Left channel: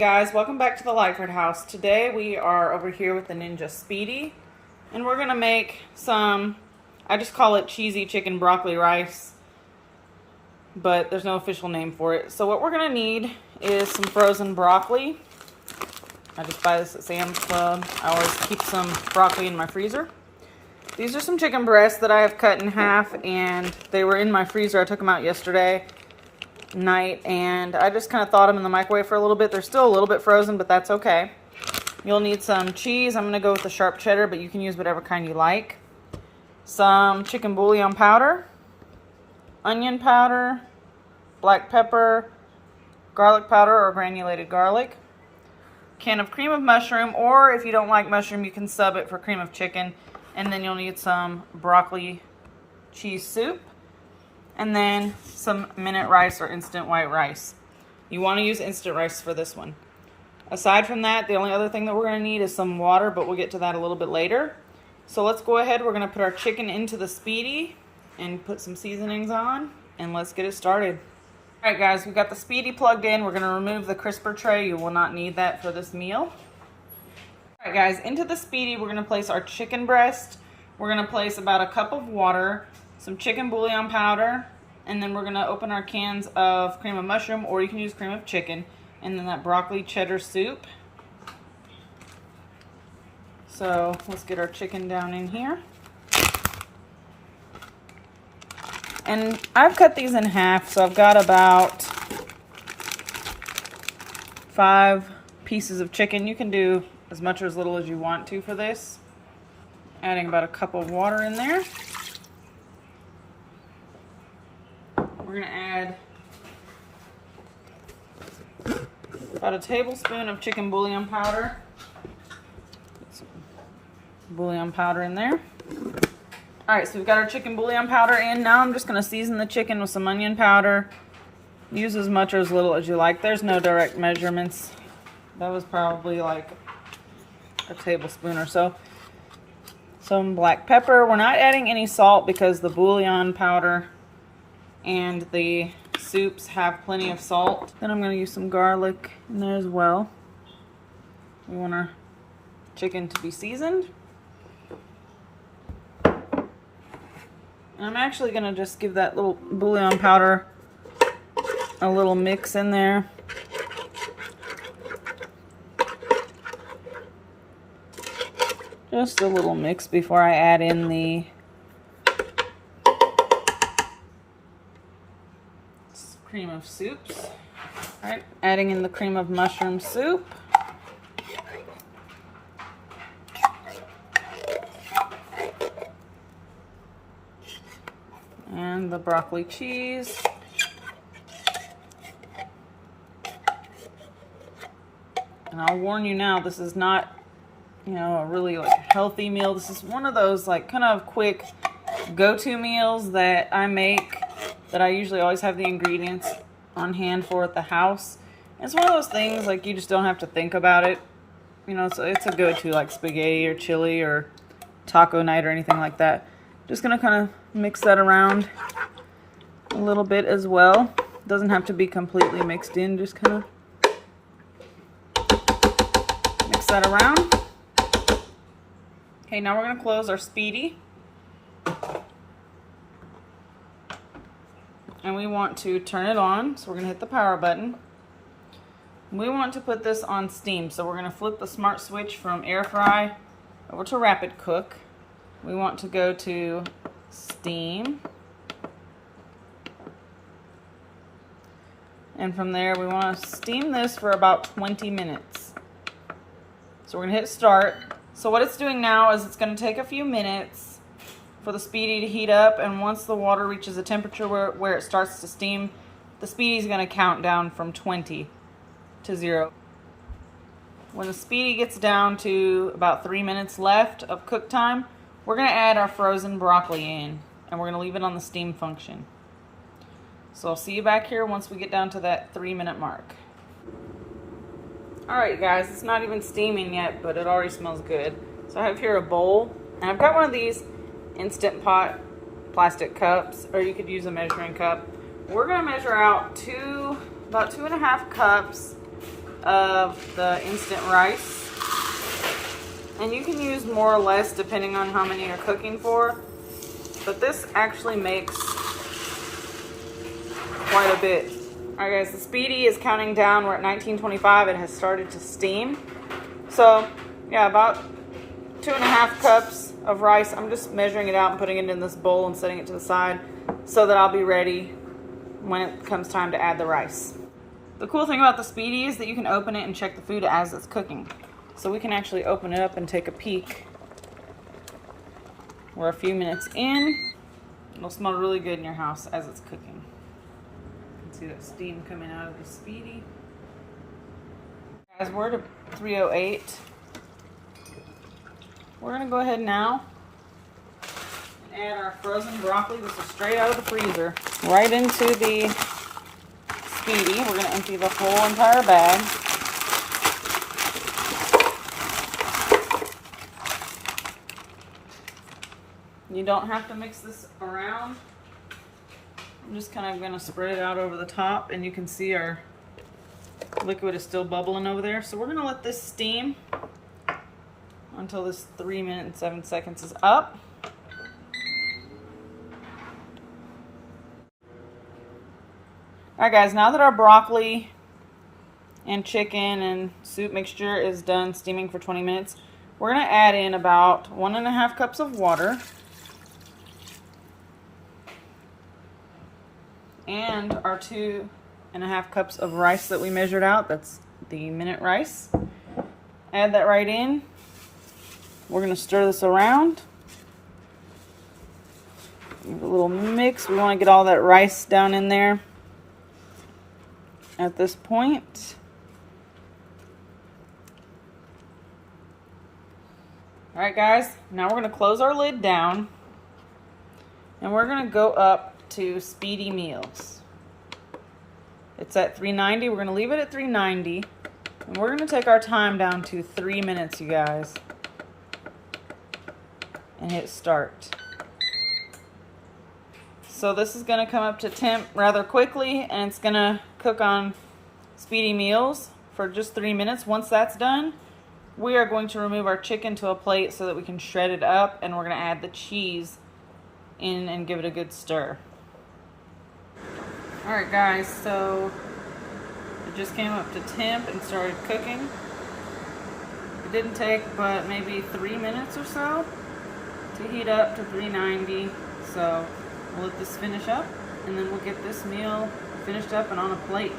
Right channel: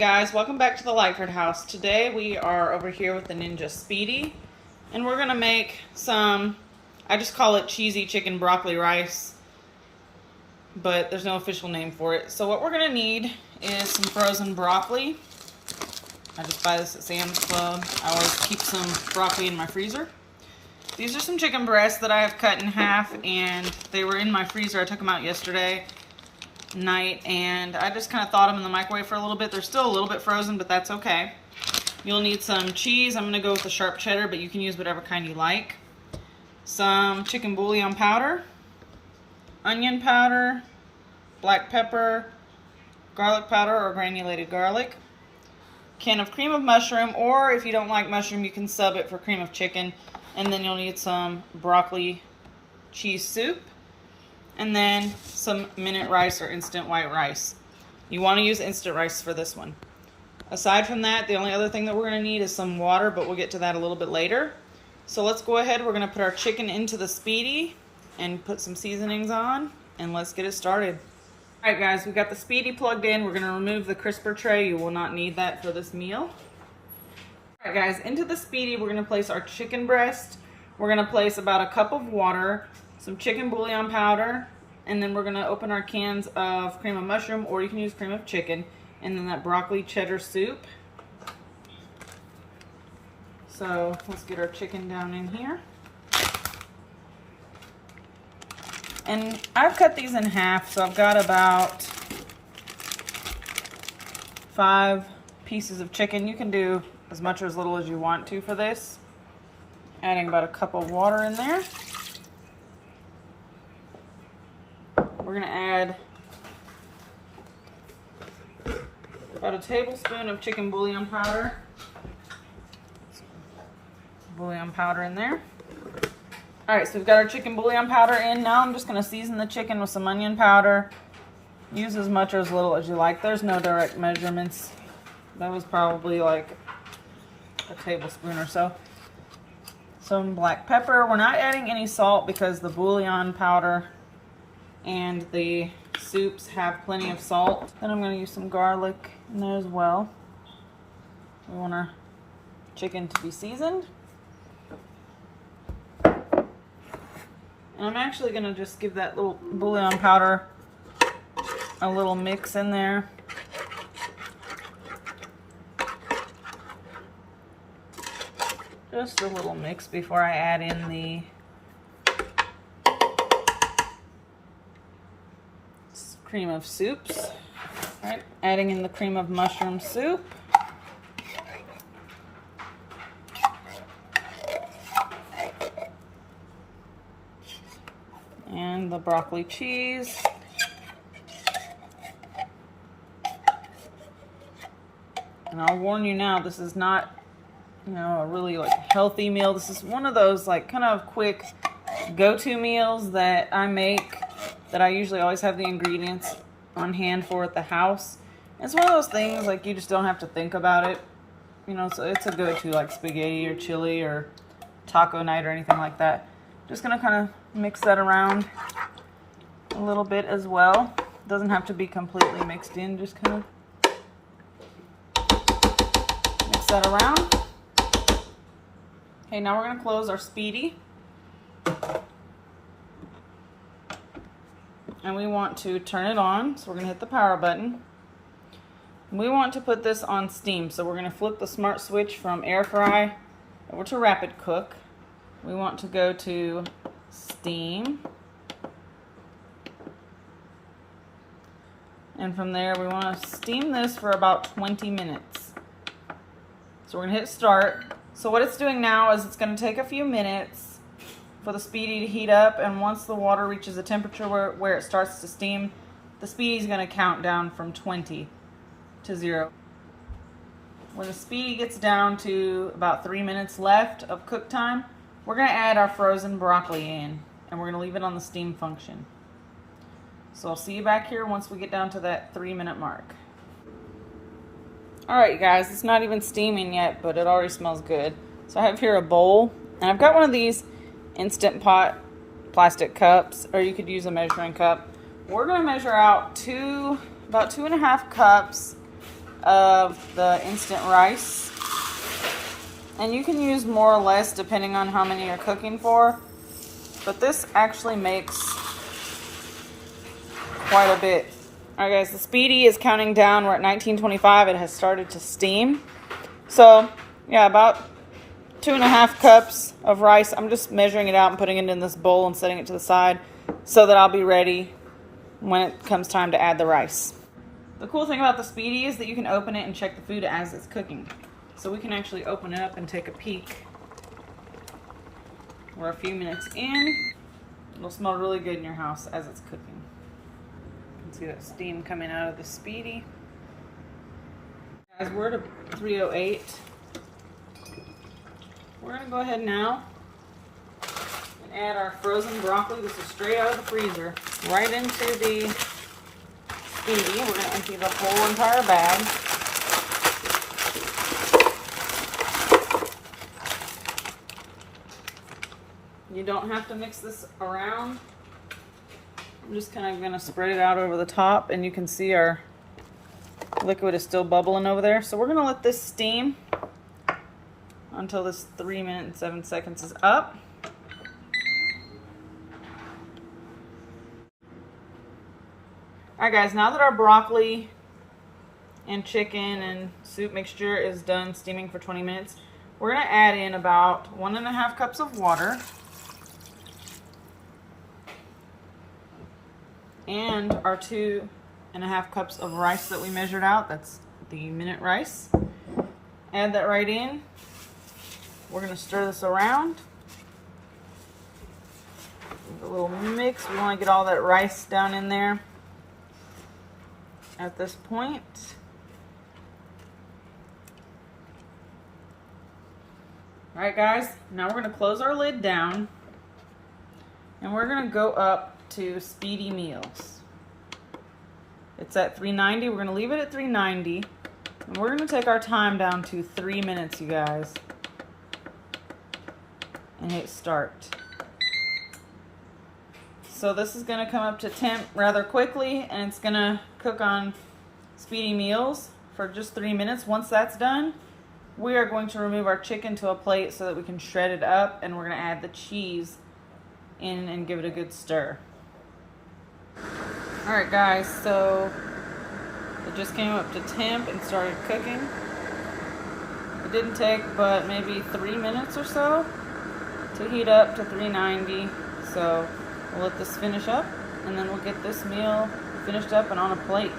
guys, welcome back to the Lightford house. Today we are over here with the Ninja Speedi, and we're gonna make some, I just call it cheesy chicken broccoli rice, but there's no official name for it. So what we're gonna need is some frozen broccoli. I just buy this at Sam's Club. I always keep some broccoli in my freezer. These are some chicken breasts that I have cut in half, and they were in my freezer. I took them out yesterday night, and I just kind of thawed them in the microwave for a little bit. They're still a little bit frozen, but that's okay. You'll need some cheese. I'm going to go with the sharp cheddar, but you can use whatever kind you like. Some chicken bouillon powder, onion powder, black pepper, garlic powder or granulated garlic, can of cream of mushroom, or if you don't like mushroom, you can sub it for cream of chicken. And then you'll need some broccoli cheese soup, and then some minute rice or instant white rice. You want to use instant rice for this one. Aside from that, the only other thing that we're going to need is some water, but we'll get to that a little bit later. So let's go ahead. We're going to put our chicken into the Speedi and put some seasonings on, and let's get it started. All right, guys, we got the Speedi plugged in. We're going to remove the crisper tray. You will not need that for this meal. All right, guys, into the Speedi, we're going to place our chicken breast. We're going to place about a cup of water, some chicken bouillon powder, and then we're going to open our cans of cream of mushroom, or you can use cream of chicken, and then that broccoli cheddar soup. So let's get our chicken down in here. And I've cut these in half, so I've got about 5 pieces of chicken. You can do as much or as little as you want to for this. Adding about a cup of water in there. We're going to add about a tablespoon of chicken bouillon powder. Get some bouillon powder in there. Alright, so we've got our chicken bouillon powder in. Now I'm just going to season the chicken with some onion powder. Use as much or as little as you like. There's no direct measurements. That was probably like a tablespoon or so. Some black pepper. We're not adding any salt because the bouillon powder and the soups have plenty of salt. Then I'm going to use some garlic in there as well. We want our chicken to be seasoned. And I'm actually going to just give that little bouillon powder a little mix in there. Just a little mix before I add in the cream of soups. All right, adding in the cream of mushroom soup. And the broccoli cheese. And I'll warn you now, this is not, you know, a really like healthy meal. This is one of those like kind of quick go-to meals that I make, that I usually always have the ingredients on hand for at the house. And it's one of those things like you just don't have to think about it. You know, so it's a go-to like spaghetti or chili or taco night or anything like that. Just gonna kind of mix that around a little bit as well. Doesn't have to be completely mixed in, just kind of mix that around. Okay, now we're gonna close our Speedi. And we want to turn it on, so we're going to hit the power button. We want to put this on steam, so we're going to flip the smart switch from air fry over to rapid cook. We want to go to steam. And from there, we want to steam this for about 20 minutes. So we're going to hit start. So what it's doing now is it's going to take a few minutes for the Speedi to heat up, and once the water reaches a temperature where it starts to steam, the Speedi is going to count down from 20 to 0. When the Speedi gets down to about 3 minutes left of cook time, we're going to add our frozen broccoli in, and we're going to leave it on the steam function. So I'll see you back here once we get down to that 3-minute mark. Alright guys, it's not even steaming yet, but it already smells good. So I have here a bowl, and I've got one of these Instant Pot plastic cups, or you could use a measuring cup. We're going to measure out about 2.5 cups of the instant rice. And you can use more or less depending on how many you're cooking for. But this actually makes quite a bit. Alright guys, the Speedi is counting down. We're at 1925. It has started to steam. So, yeah, about 2.5 cups of rice. I'm just measuring it out and putting it in this bowl and setting it to the side so that I'll be ready when it comes time to add the rice. The cool thing about the Speedi is that you can open it and check the food as it's cooking. So we can actually open it up and take a peek. We're a few minutes in. It'll smell really good in your house as it's cooking. You can see that steam coming out of the Speedi. Guys, we're at 308. We're gonna go ahead now and add our frozen broccoli. This is straight out of the freezer, right into the Speedi. We're gonna empty the whole entire bag. You don't have to mix this around. I'm just kind of gonna spread it out over the top, and you can see our liquid is still bubbling over there. So we're gonna let this steam until this 3 minutes and 7 seconds is up. Alright guys, now that our broccoli and chicken and soup mixture is done steaming for 20 minutes, we're going to add in about 1.5 cups of water and our 2.5 cups of rice that we measured out. That's the minute rice. Add that right in. We're going to stir this around. Give it a little mix. We want to get all that rice down in there at this point. Alright guys, now we're going to close our lid down and we're going to go up to Speedi Meals. It's at 390. We're going to leave it at 390 and we're going to take our time down to 3 minutes, you guys, and hit start. So this is going to come up to temp rather quickly, and it's going to cook on Speedi Meals for just 3 minutes. Once that's done, we are going to remove our chicken to a plate so that we can shred it up, and we're going to add the cheese in and give it a good stir. Alright guys, so it just came up to temp and started cooking. It didn't take but maybe 3 minutes or so to heat up to 390. So we'll let this finish up and then we'll get this meal finished up and on a plate.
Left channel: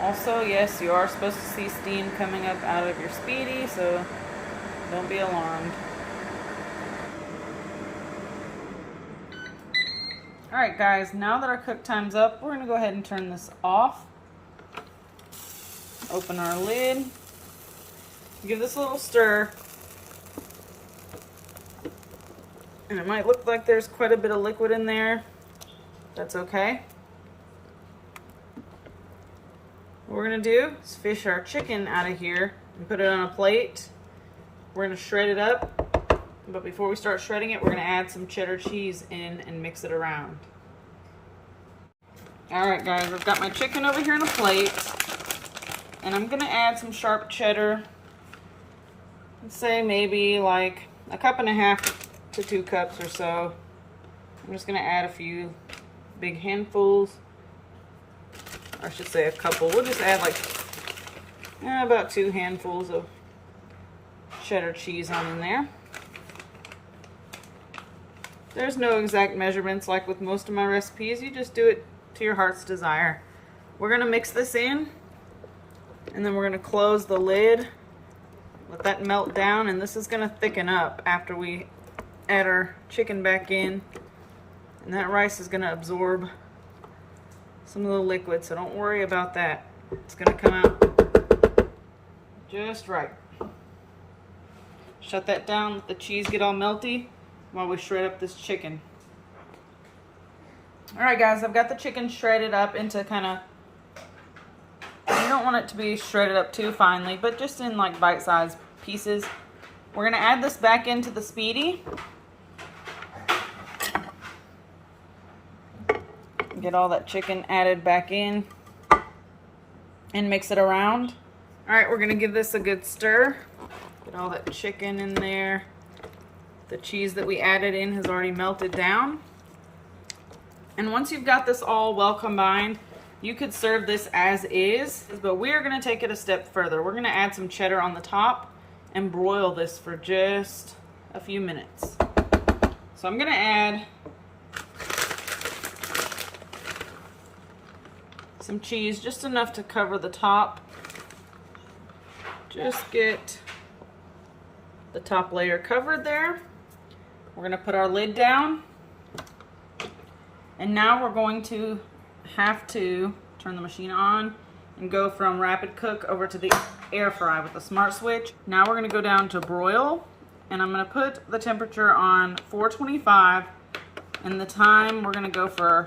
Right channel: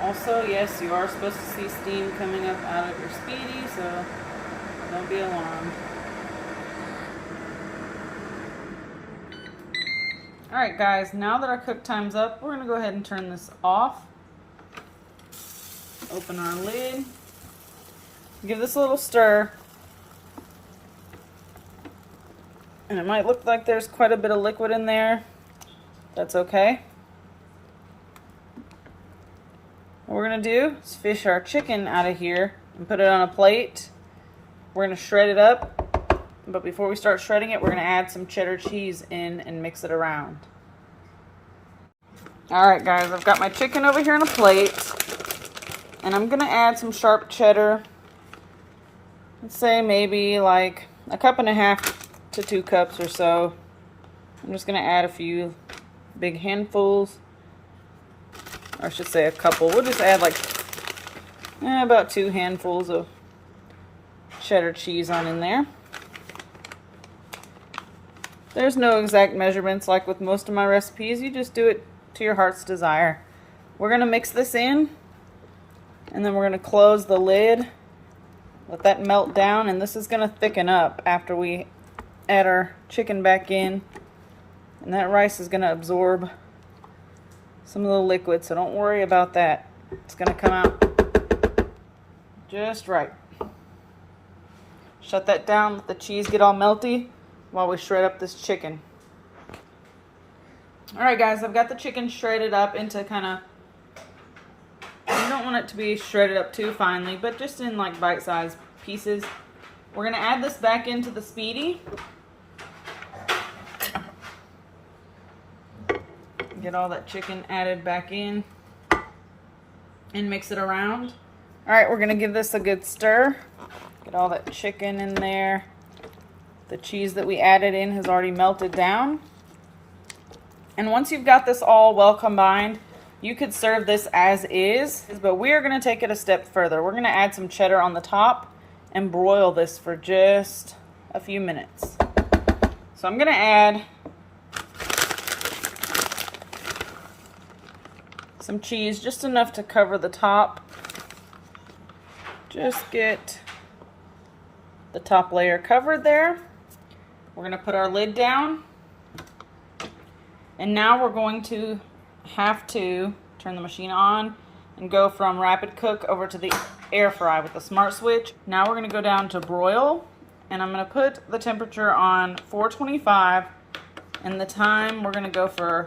Also, yes, you are supposed to see steam coming up out of your Speedi, so don't be alarmed. Alright guys, now that our cook time's up, we're going to go ahead and turn this off. Open our lid. Give this a little stir. And it might look like there's quite a bit of liquid in there. That's okay. What we're going to do is fish our chicken out of here and put it on a plate. We're going to shred it up. But before we start shredding it, we're going to add some cheddar cheese in and mix it around. Alright guys, I've got my chicken over here on a plate. And I'm going to add some sharp cheddar. Let's say maybe like 1.5 cups to 2 cups or so. I'm just going to add a few big handfuls. Or I should say a couple. We'll just add like about 2 handfuls of cheddar cheese on in there. There's no exact measurements like with most of my recipes. You just do it to your heart's desire. We're going to mix this in. And then we're going to close the lid. Let that melt down. And this is going to thicken up after we add our chicken back in. And that rice is going to absorb some of the liquid. So don't worry about that. It's going to come out just right. Shut that down. Let the cheese get all melty while we shred up this chicken. Alright guys, I've got the chicken shredded up into kind of, you don't want it to be shredded up too finely, but just in like bite-sized pieces. We're going to add this back into the Speedi. Get all that chicken added back in. and mix it around. All right, we're gonna give this a good stir. Get all that chicken in there. The cheese that we added in has already melted down. And once you've got this all well combined, you could serve this as is, but we are gonna take it a step further. We're gonna add some cheddar on the top and broil this for just a few minutes. So I'm gonna add some cheese, just enough to cover the top. Just get the top layer covered there. We're gonna put our lid down. And now we're going to have to turn the machine on and go from rapid cook over to the air fry with the smart switch. Now we're gonna go down to broil, and I'm gonna put the temperature on 425, and the time we're gonna go for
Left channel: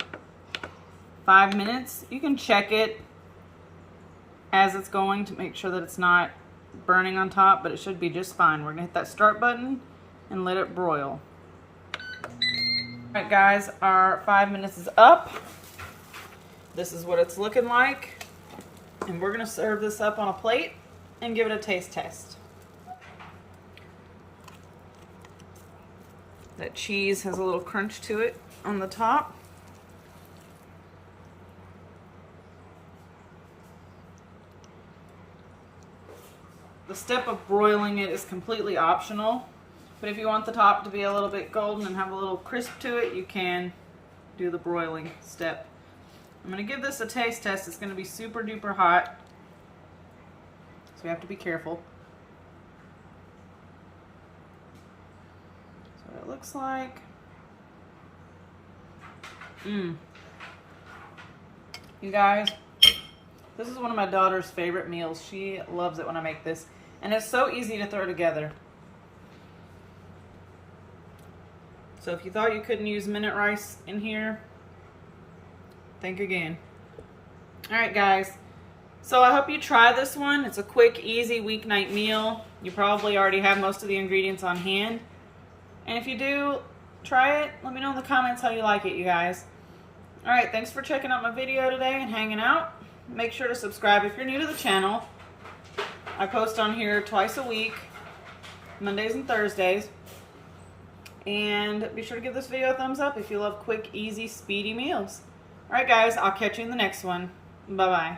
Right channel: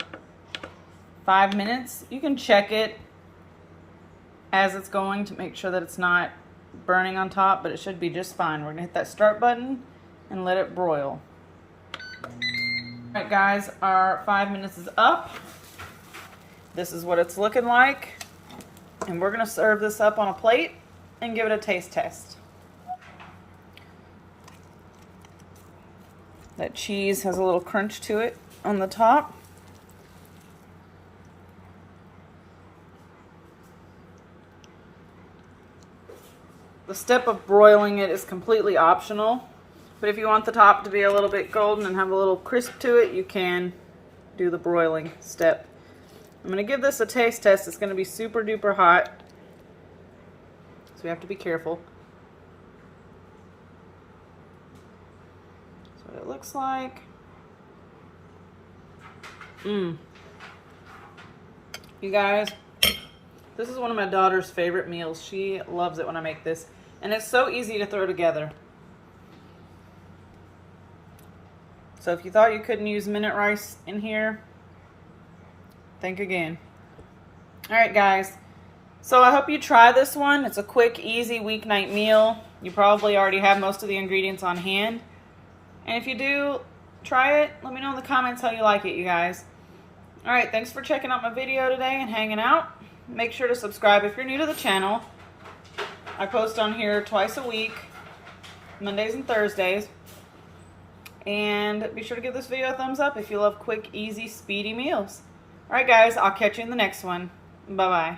5 minutes. You can check it as it's going to make sure that it's not burning on top, but it should be just fine. We're gonna hit that start button and let it broil. All right, guys, our 5 minutes is up. This is what it's looking like. And we're gonna serve this up on a plate and give it a taste test. That cheese has a little crunch to it on the top. The step of broiling it is completely optional, but if you want the top to be a little bit golden and have a little crisp to it, you can do the broiling step. I'm gonna give this a taste test. It's gonna be super duper hot, so you have to be careful. That's what it looks like. You guys, this is one of my daughter's favorite meals. She loves it when I make this, and it's so easy to throw together. So if you thought you couldn't use minute rice in here, think again. All right, guys. So I hope you try this one. It's a quick, easy weeknight meal. You probably already have most of the ingredients on hand. And if you do, try it. Let me know in the comments how you like it, you guys. All right, thanks for checking out my video today and hanging out. Make sure to subscribe if you're new to the channel. I post on here twice a week, Mondays and Thursdays. And be sure to give this video a thumbs up if you love quick, easy, speedy meals. All right, guys, I'll catch you in the next one. Bye-bye.